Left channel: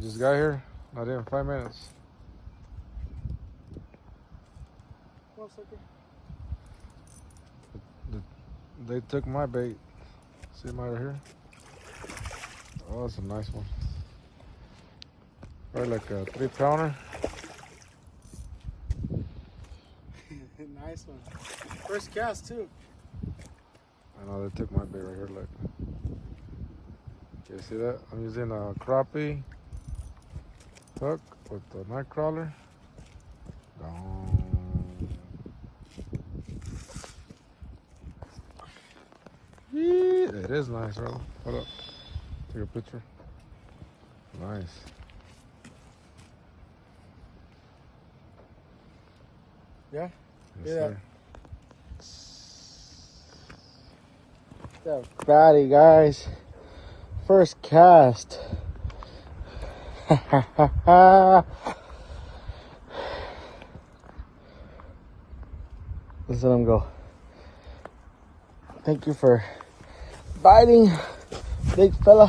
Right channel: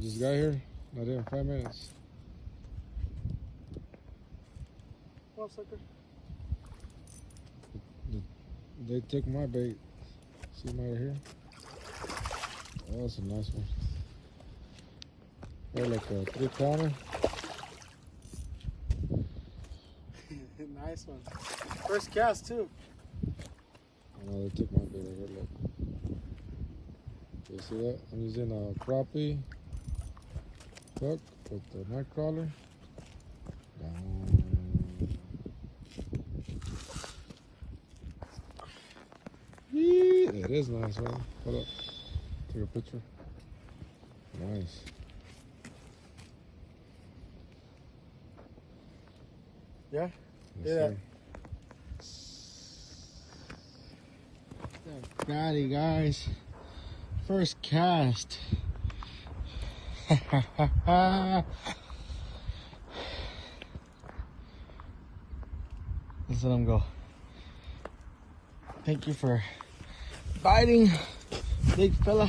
We just got here, not even 5 minutes. Come on, sucker. They took my bait. See them right here? Oh, that's a nice one. Probably like a 3-pounder. Nice one. First cast too. I know they took my bait right here. Look. Okay, see that? I'm using a crappie hook with the night crawler. It is nice, brother. Hold up. Take a picture. Nice. Yeah? Yes, Yeah. Fatty, guys. First cast. Let's let him go. Thank you for biting, big fella.